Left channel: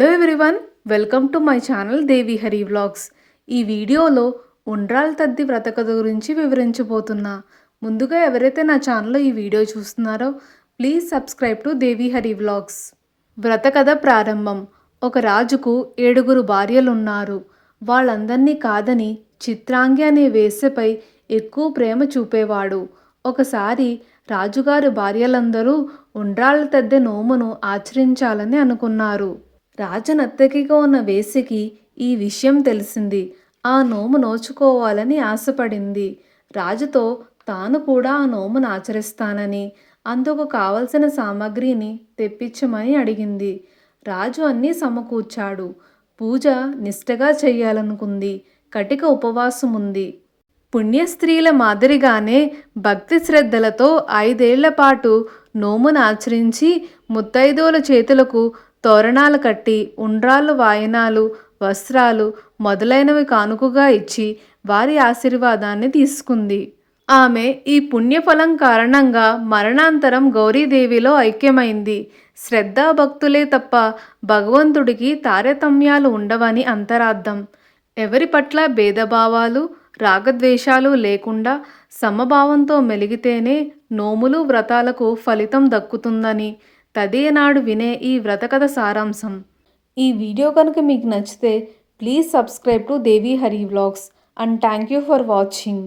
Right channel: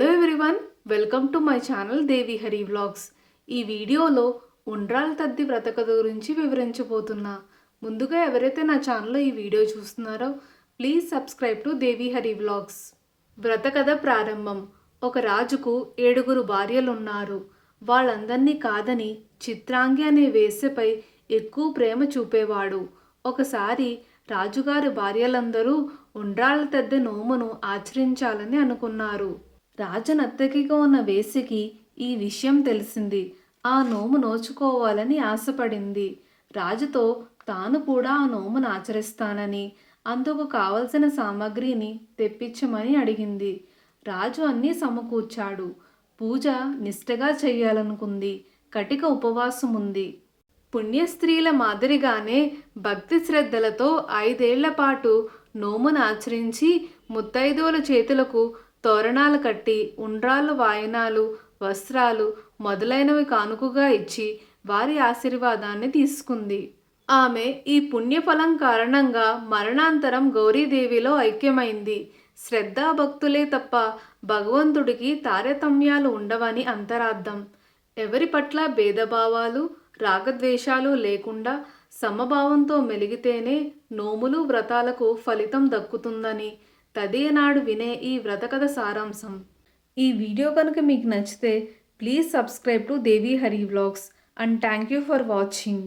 Hello everyone, welcome to my channel Devi Hari vlogs. ఈ వీడియోలో ఉండ్రాళ్ళ తద్ది వ్రత కథ గురించి వివరించబోతున్నా. ముందుగా ఎవరైతే నా ఛానల్లో ఈ వీడియో చూస్తున్నారో please subscribe to Devi Hari vlogs. వ్రత కథ ప్రారంభం. ఒక రాజుకు 7 భార్యలున్నారు. వాళ్ళందరినీ కాదని చిత్రాంగి అనే వేశ్యపై ఎక్కువ ప్రేమ చూపేవాడు. ఒకసారి రాజుగారి భార్యలందరూ ఉండ్రాళ్ళ తద్దె నోమును ఆచరించాలని అనుకున్నారు. రాజనత్తకిగా ఉన్న వేశ్యకి ఈ విషయం తెలిసింది. ఆ నోము నోచుకోవాలని ఆశపడింది. రాజుతో తాను కూడా ఆ నోమును ఆచరిస్తానని, అందుకు కావలసిన సామాగ్రిని తెప్పించమని అడిగింది. రాజు అన్నీ సమకూర్చాడు. పూజ నిష్టగా చెయ్యాలనుకుంది. కటిక ఉపవాసం ఉంది. పుణ్యస్త్రీల మాదిరిగానే భక్తి శ్రద్ధలతో 5 ఏళ్ల పాటు నోమును ఆచరించి ముత్తైదువుల చేతులకు తోరణాలు కట్టి ఉండ్రాళ్ళు, వాయనాలు, వస్త్రాలు మొదలైనవి కానుకగా ఇచ్చి వారి ఆశీర్వాదాన్ని తీసుకుంది. ఆమె ఈ పుణ్యఫలం కారణంగా మరణాంతరం గౌరీదేవిలో ఐక్యమైంది. శ్రద్ధాభక్తులే తప్ప భగవంతుడికి తారతమ్యాలు ఉండవని అంతరార్థం. ఎవరి పట్ల భేదభావాలు, రాగద్వేషాలు లేకుండా సమభావంతో మెలిగితేనే నోములు, వ్రతాలకు ఫలితం దక్కుతుందని తదేనాడు వినే ఈ వ్రతకథ సారాంశం. ఈ వీడియో కనుక మీకు నచ్చితే please subscribe to Devi Hari vlogs and thank you for watching.